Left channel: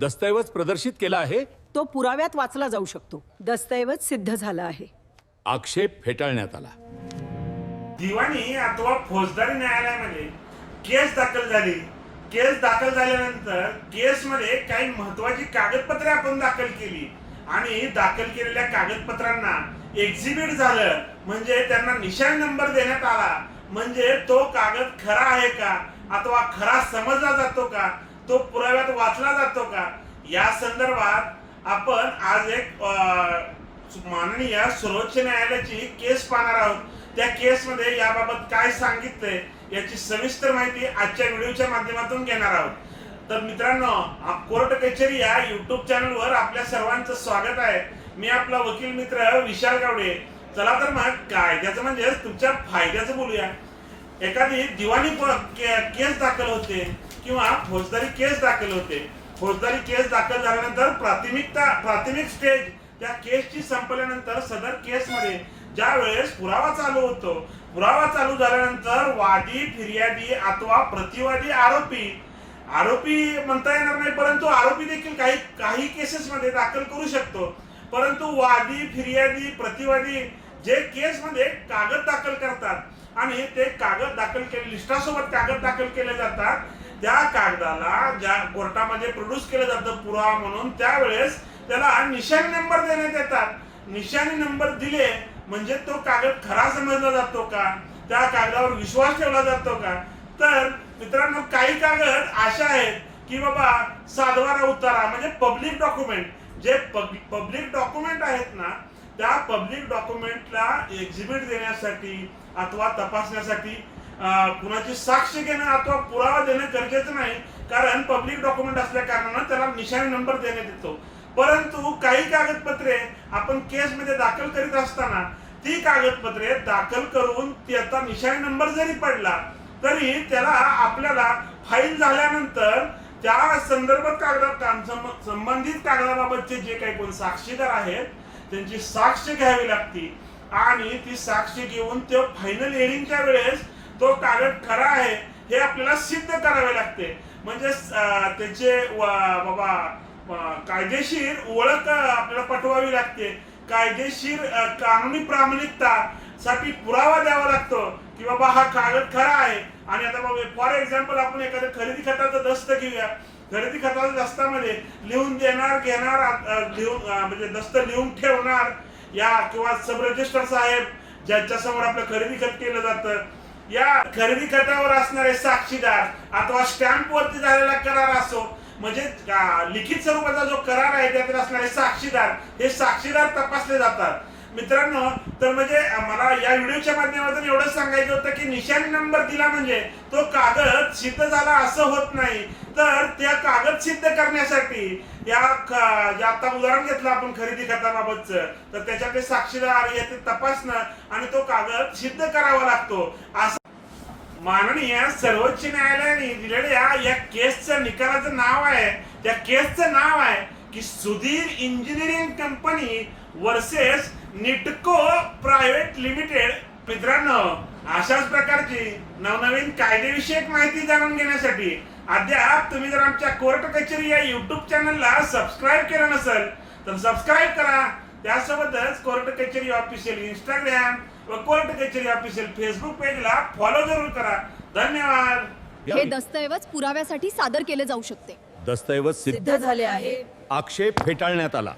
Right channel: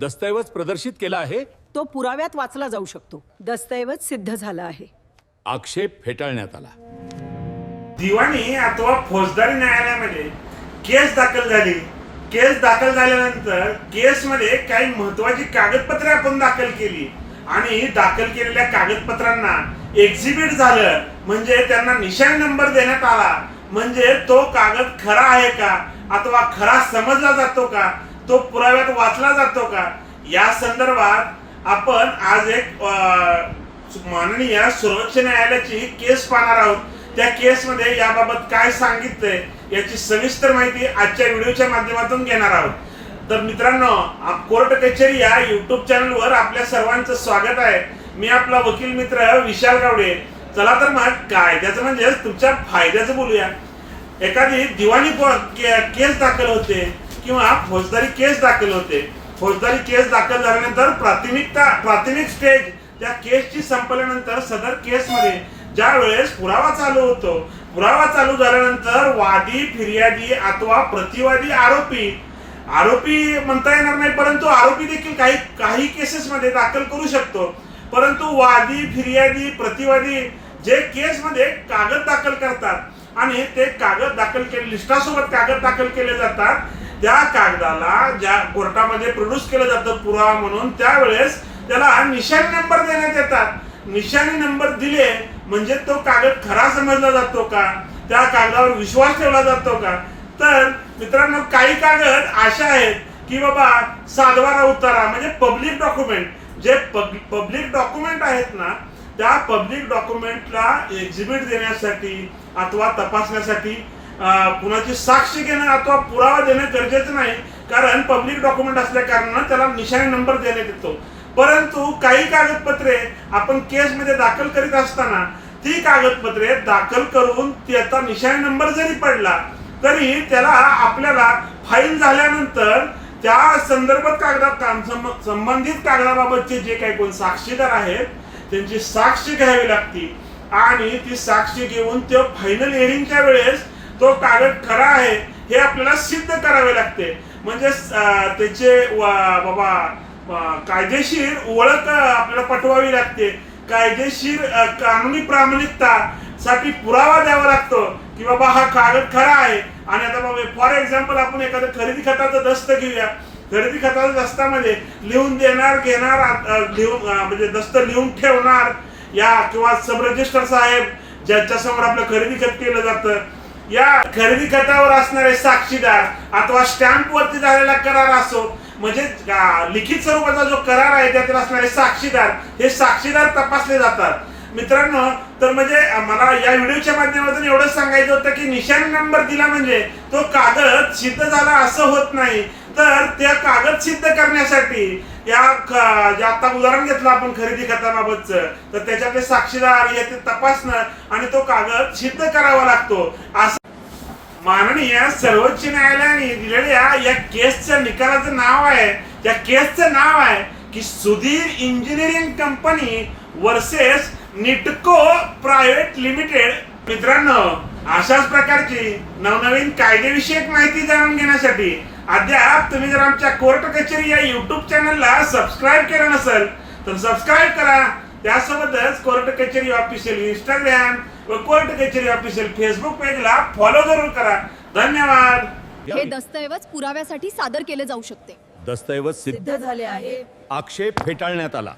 दस्तऐवज प्रदर्शित केला आहे. तो पुराव्यात वाचला जाऊ शकतो. दस्तऐवज सिद्ध झाला आहे. आक्षेप फेटाळण्यात आला. दिवाणी अथवा फौजदारी न्यायालयामध्ये केस दाखल झाली. केस दाखल झाल्यानंतर केसमध्ये काही महत्वाची कागदपत्रे आपण दाखल केली आणि दाखल केलेल्या कागदपत्रांना एक्झिबिट झालं, म्हणजे त्यांना निशाणी नंबर देण्यात आला. म्हणजे तो कागद खरा आहे का अथवा खरा समजला जातो का, तो पुराव्यात वाचला जातो का, या संदर्भात आपण आज एक माननीय सर्वोच्च न्यायालयाची केस पाहणार आहोत. त्या केसमध्ये याबाबत काय सांगितलंय याची सविस्तर माहिती आजच्या व्हिडिओच्या माध्यमातून घेणार आहोत. तर मित्रांनो, कोर्ट कचेरी या युट्यूब चॅनलवर आपल्या सर्वांचं स्वागत आहे. मी आपला वकील मित्र विशाल गावडे. चला तर मग कायद्याचं म्हणजे तुमच्या फायद्याचं बोलूया. एखादी दिवाणी केस दाखल होते किंवा फौजदारी केस दाखल होते. फौजदारी केस दाखल झाल्यानंतर प्राथमिक स्टेज त्या केसची संपल्यानंतर सदर केसमध्ये ज्या वेळेस पुरावा चालू होतो, पुरावा चालू झाल्यानंतर वादी, फिर्यादी अथवा प्रतिवादी, आरोपी म्हणता येणार नाही, परंतु आरोपी देखील काही केसेसमध्ये दाखल करू शकतो. परंतु वादी, फिर्यादी, प्रतिवादी जे केसमध्ये कागद दाखल करतात आणि ते कागद दाखल केले, लिस्टासोबत कागद दाखल केले जातात, त्या कागदाला ज्या कोर्टामध्ये प्रोड्यूस केलं जातं पुरावा म्हणून, त्यावेळेस त्याला निशाणी नंबर देण्यात येतात. निशाणी नंबर दिले म्हणजे तो कागद खरा समजला जातो का, त्या कागदावर विश्वास ठेवला जातो का. तर मित्रांनो, काही कागद अशा आहेत की बाबा सातबारा उतारा म्हणजे पब्लिक डॉक्युमेंट, जे पब्लिक डॉक्युमेंट आहेत ना, त्या पब्लिक डॉक्युमेंटला एक्झिबिट देण्यासाठी अथवा तपासण्यासाठी कुणाची साक्ष घेणं अथवा पुरावा देणं गरजेचं नाही, कारण पब्लिक डॉक्युमेंट असल्या कारणानं त्याला निशाणी नंबर देण्यात येतो. परंतु काही कागदपत्रे आपण केसमध्ये दाखल करीत असताना ती कागदपत्रे दाखल करून त्याचा निशाणी नंबर जरी पडला तरी त्याला आपल्याला फाईल झाल्यानंतर त्या संबंधित कागदाबाबतचे जे काही कोण साक्षीदार आहेत त्यांची साक्ष घ्यावी लागते आणि ती साक्ष घेऊन तो फायनल हिअरिंगच्या वेळेस तो कागद खरा आहे हे आपल्याला सिद्ध करावे लागते. म्हणजे त्याचे कायदेशीर ओळख आपल्याला पटवावी लागते. कायदेशीर कानूनी प्रामाणिकता साठी पुरावा द्यावा लागतो की बाबा हा कागद खरा आहे. आणि आता बाबा फॉर एक्झाम्पल आपण एखादं खरेदी खताचं दस्त घेऊया. खरेदी खताच्या दस्तामध्ये लिहून देणार, घेणार, म्हणजे दस्त लिहून ठेवणार या किंवा सब रजिस्टर साहेब ज्याच्या समोर आपलं खरेदी खत केलं जातं, या खरेदी खतावर असणारे साक्षीदार अथवा स्टॅम्प वरती झालेला करार असो, म्हणजे लिखित स्वरूपाचा जो करार आहे त्यातील असणारे साक्षीदार, हे साक्षीदार तपासले जातात. मित्रांनो, तर म्हणजे मला या व्हिडिओच्या माध्यमातून एवढंच सांगायचं होतं की निशाणी नंबर दिला म्हणजे तो कागद सिद्ध झाला असं होत नाही. तर त्या कागद सिद्ध करण्यासाठी या जे आता उदाहरण घेतलं आपण खरेदी खताबाबतचं, तर त्याच्यातले साक्षीदार हे तपासणं आणि तो कागद सिद्ध करावा लागतो. असं माननीय सर्वोच्च न्यायालयाने दिलेल्या या केसचं निकालाचं नाव आहे, त्या केसचं नाव आहे की Sudhir engineering company versus Nitco private limited. मित्रांनो, अशाच प्रकारची नवनवीन कायदेविषयक माहिती जाणून घेण्यासाठी अद्याप तुम्ही जर आमच्या कोर्ट कचेरी या युट्यूब चॅनलला सबस्क्राईब केलं नसेल तर सबस्क्राईब करा. त्यासोबतच कोर्ट कचेरी ऑफिशियल इंस्टाग्राम व कोर्ट कचेरी ऑफिशियल फेसबुक पेजला फॉलो जरूर करा. धन्यवाद. हे दस्तऐवज पुराव्यासाठी सादर केले जाऊ शकते. दस्तऐवज सिद्ध सिद्ध झाले आहे. आक्षेप फेटाळण्यात आला.